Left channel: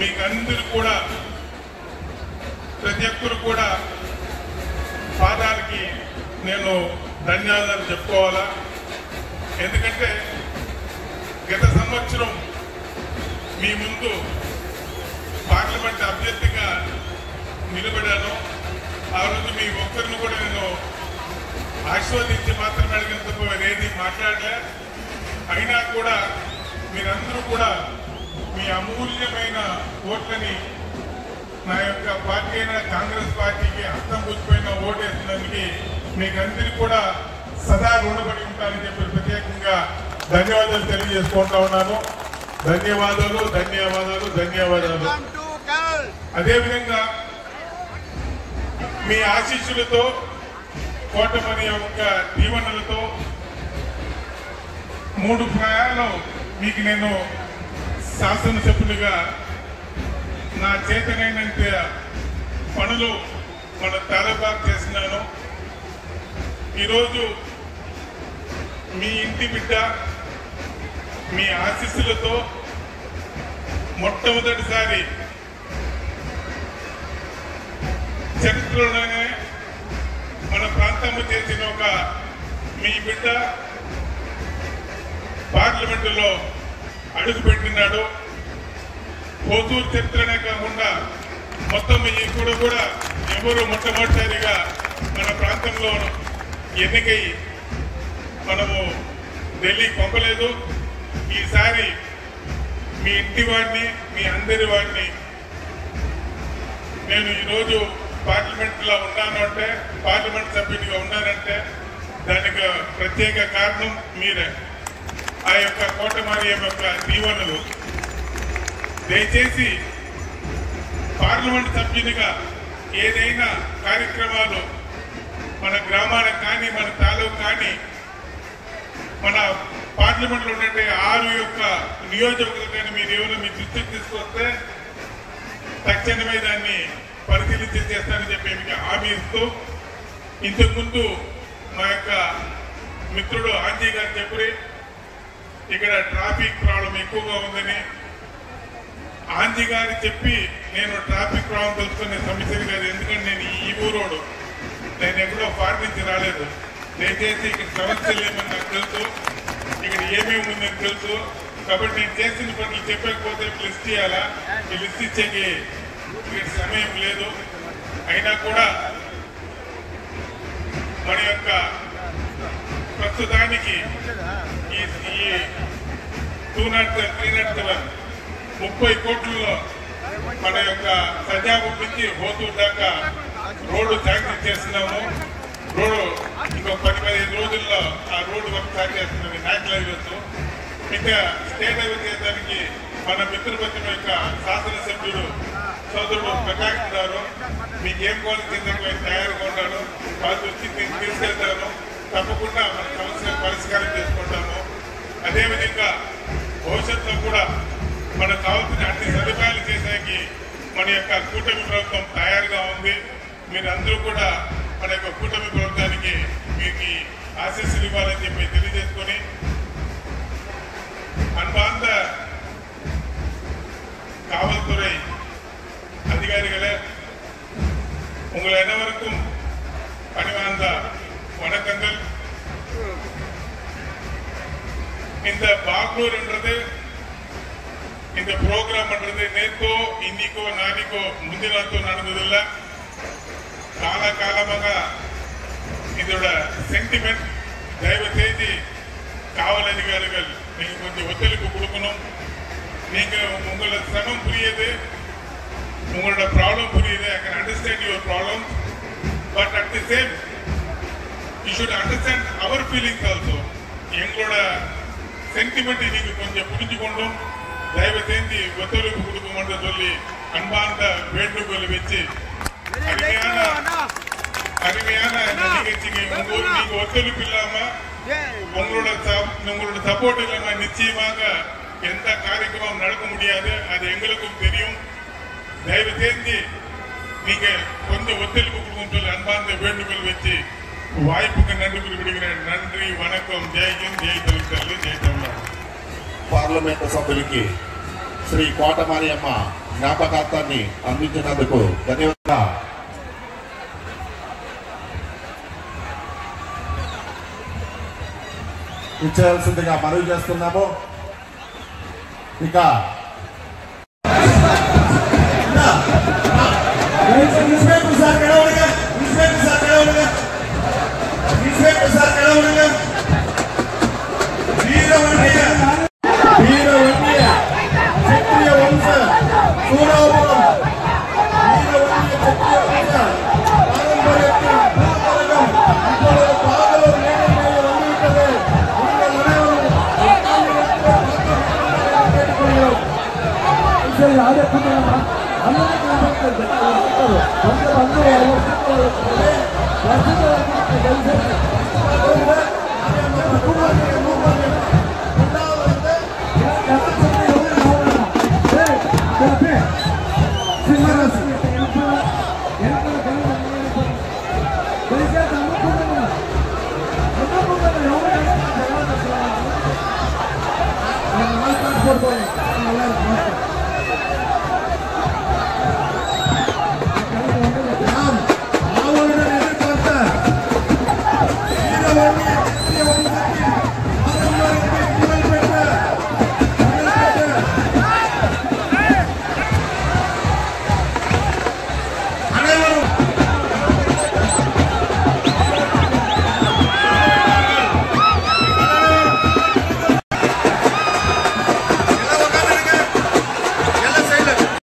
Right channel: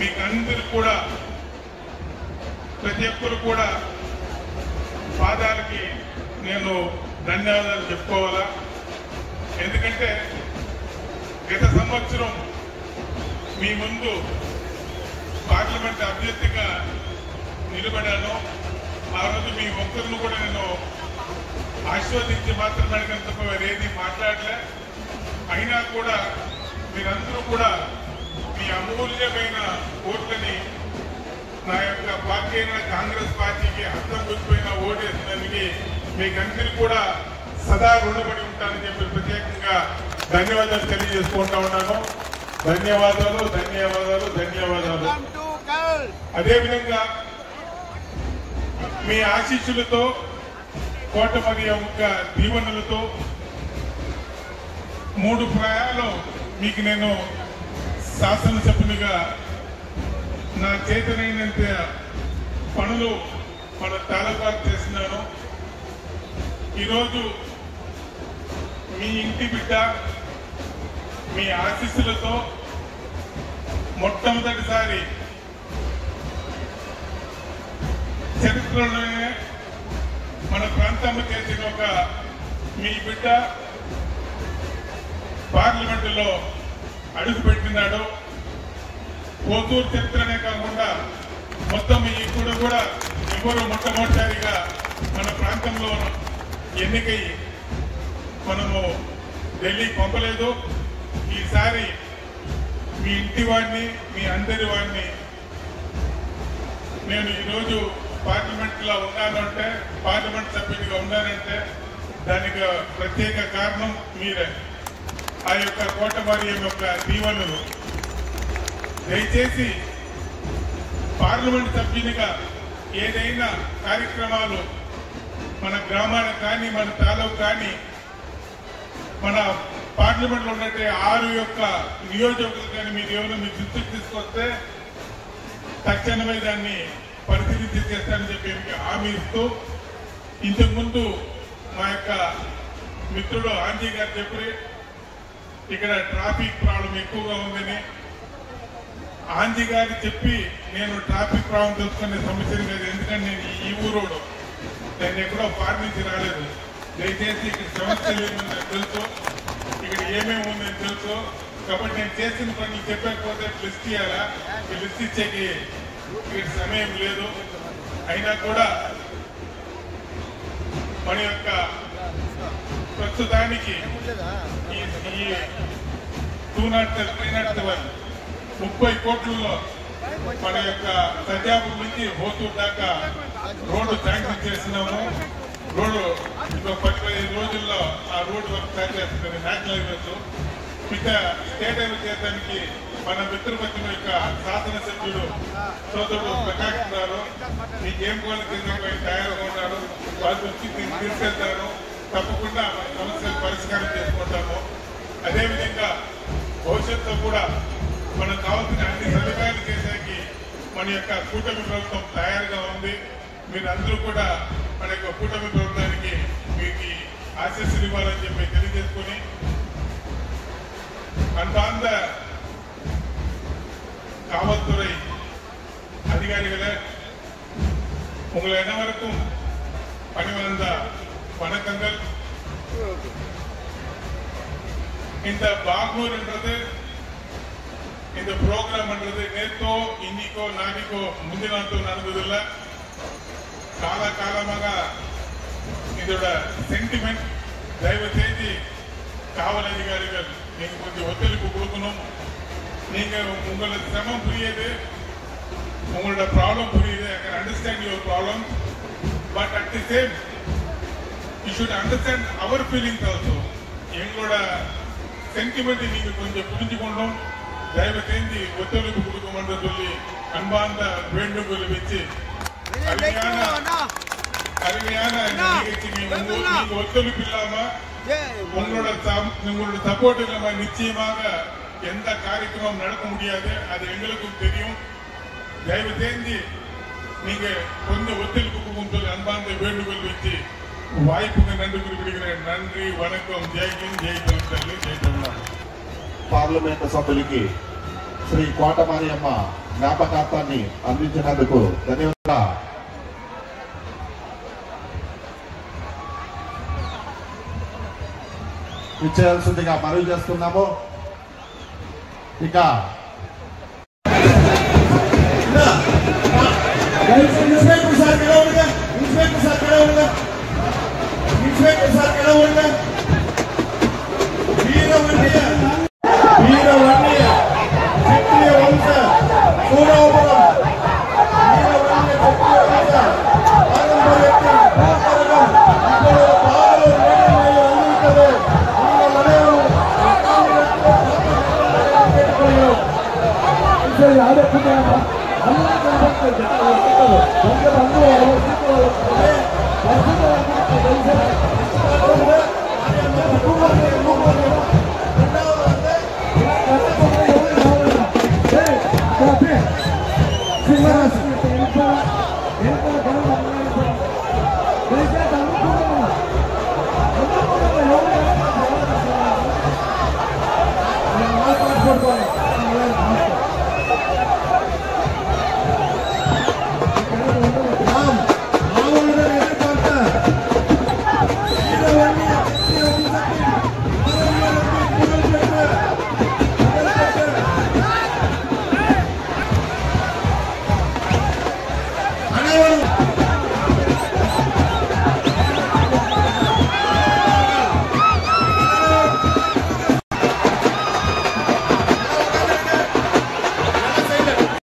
మీకు అందరూ కూడా ప్రతి ఒక్కరు కూడా పాదాలకి నేను ధన్యవాదాలు చెప్పుకోవాలా. ఎందుకంటే గత సంవత్సరం మీ ముందు పార్లమెంట్ అభ్యర్థిగా నిలబడాను. ఆ రోజు మీ ఒక్కరిని కూడా నేను ఆశీర్వదించి మాత్రం అడిగినందుకు ఏది మాట్లాడలే. అయినా కూడా మీరందరూ కూడా మీ అమూల్యమైన ఓట్లని నా యొక్క పార్టీ అయిన కాంగ్రెస్ పార్టీకి అర్థం కూర్చిపోయిన ఓటేసినందుకు మీకందరికీ కూడా సదా రుణపడి ఉంటానని చెప్పి ప్రత్యేకంగా ధన్యవాదాలు తెలియజేసుకుంటా ఉన్నాను. ధన్యవాదాలు ధన్యవాదాలు ధన్యవాదాలు. అదేవిధంగా మీ ఆశీస్సులతో కోటమని యొక్క దీవెనలతో 3 ప్రయాణాలు మీకు నేను శాసనసభ్యునిగా నా చేతనైనంత పనులు మన తాలూకాకు చేస్తున్నాను. ఈరోజు మీ ఇంటి బిడ్డ మీ ఆశీస్సులతో మొట్టమొదటిసారి చరిత్రలోనే మన ప్రాంతంలో చేసిన ఒక మీ బిడ్డ పార్లమెంటులో అడుగుపెట్టినాడు. కోతూరు చరిత్రనే కాకుండా మొత్తం ఇప్పుడు కూడా ఎవరు మొట్టమొదటిసారిగా మన ప్రాంతంలో ఎన్నికై మనము ఢిల్లీకి పంపలేదు. ఈసారి మీ ఇంటి వాడిని మీ అందరి వాడిని నేను ఈరోజు పార్లమెంట్లో ఉన్నానంటే పార్లమెంట్ సభ్యునిగా ఉన్నానంటే దానికి ప్రత్యేక కారణం మీరే. ఆ యొక్క కోటమరి యొక్క దీవెనలు దయచేసి పార్లమెంట్ సభ్యునిగా ఏదైనా కార్యక్రమాలు మన గ్రామానికి కానీ మన తాలూకు కానీ మన పార్లమెంట్లో ఉన్నట్టు 6 యొక్క నియోజకవర్గాలు కానీ మీరు ఏమైనా మీ దృష్టికి తీసుకొస్తే తక్షణమే దాన్ని పరిశీలించి చేస్తానని చెప్పి మీకు హామీ ఇస్తూ, ఇంతకుముందు మా యొక్క మిత్రుడు ఆంజీ గారు చెప్పి ఇక్కడ ట్రాఫిక్ ప్రాబ్లం ఎక్కువగా ఉందని ఆంజీ గారు చెప్పి నేను ట్రాఫిక్ ప్రాబ్లం తెలుసుకునే సమస్య లేదు. ఎందుకంటే నేను ఈ ఊరోడు, నేను ఎప్పుడో ఫారెన్ నుంచి రాలేదు. దయచేసి ఇక్కడ సమస్యలు ఏమని నాకు తెలుసు, ఇక్కడ ఏమేమి ఉందని తెలుసు. కాబట్టి నేను చేసిన పనులు చెప్పకపోతే లిస్ట్ చేయాలా, ఈ లిస్ట్ ఇచ్చేకి ఇక్కడ సమయం లేదు. అయినా కూడా మన యొక్క ప్రస్తుతానికి ఈ 207 30 కోట్లలో మన యొక్క సంజాపూర్ నుంచి హోతూరు దాకా రోడ్డు శాంక్షన్ చేస్తున్నాము. రోడ్డు ఇంకో 10-15 రోజుల్లో ఆ రోడ్డు వర్క్ స్టార్ట్ చేస్తున్నది. నేషనల్ హైవేస్ ఇంకా స్టేట్ హైవే చేయడానికి మన మిత్రపక్షం యొక్క శాసనసభ్యుడు సోదరుడు ప్రకాష్ గారు మీకు ఏం కోరిక చేసేందుకు తయారుగా ఉన్నారు. వాళ్ళు వచ్చి మీకు తీసుకెళ్తారు. తప్పకుండా మన సమస్యలు పరిష్కారం చేసుకుంటాము. అదేవిధంగా భవిష్యత్తులో కూడా మనకు కావాల్సిన అన్ని సదుపాయాలు చేసేకి మన యొక్క కూటమి ప్రభుత్వం తయారుగా ఉంది. మీరందరూ కూడా మన యొక్క కూటమి ప్రభుత్వానికి మీకు ఆశీస్సులు ఇవ్వాలని చెప్పి తెలియజేసుకొని, அன்பார்ந்த காவல்துறை அதிகாரிகளே, உங்கள் அனைவருக்கும் பணிவார்ந்த வணக்கங்கள். இந்த பாக்னூர் என்றது, இந்த ப்ரோக்ராம் என்றது நேத்தோ இன்னிக்கோ நாளைக்கோ முந்தினாத்தோ நடந்ததில்லை. காலகாலமாக இதோட சென்டிமெண்ட் தயவு செய்து காவல் அதிகாரிகள் நீங்க கொஞ்சம் ஒத்துழைப்பு கொடுக்கணும். நீங்க உங்களோட சிரமம் புரியுது, உங்களோட ப்ராப்ளம் புரியுது. I can understand your problem, but at the same you should understand our feelings also. எங்களோட சென்டிமெண்ட்டை நீங்க கொஞ்சம் புரிஞ்சுக்கொண்டும் தயவு செய்து ஒத்துழைப்பு கொடுக்குமென்று சொல்லி அன்பார்ந்த வேண்டுகோள் வச்சு அருமையான இந்த நிகழ்ச்சிக்கு நீங்க ஒத்துழைப்பு இல்லாம உங்களோட சப்போர்ட் இல்லாம நிச்சயமாக எந்த காரியமும் நடக்க முடியாது. அது எங்களுக்கும் தெரியும். தயவு செய்து நீங்க கொஞ்சம் ஒத்துழைப்பு கொடுக்கும் சொல்லி அன்பார்ந்த வேண்டுகோள் வச்சு வாய்ப்புக்கு நன்றி குறிப்பிடுகிறேன். நன்றி, வணக்கம். ஜெய் ஹிந்த், ஜெய் தமிழ்நாடு, ஜெய் தமிழ்நாடு. పార్లమెంట్ సభ్యులకి శ్రీ కోటమారియమ్మ జ్ఞాపకార్థాన్ని అందించినందుకు ధన్యవాదాలు. ఇచ్చేయాల్సిందిగా మనవి చేస్తున్నాము. ఇక Por favor.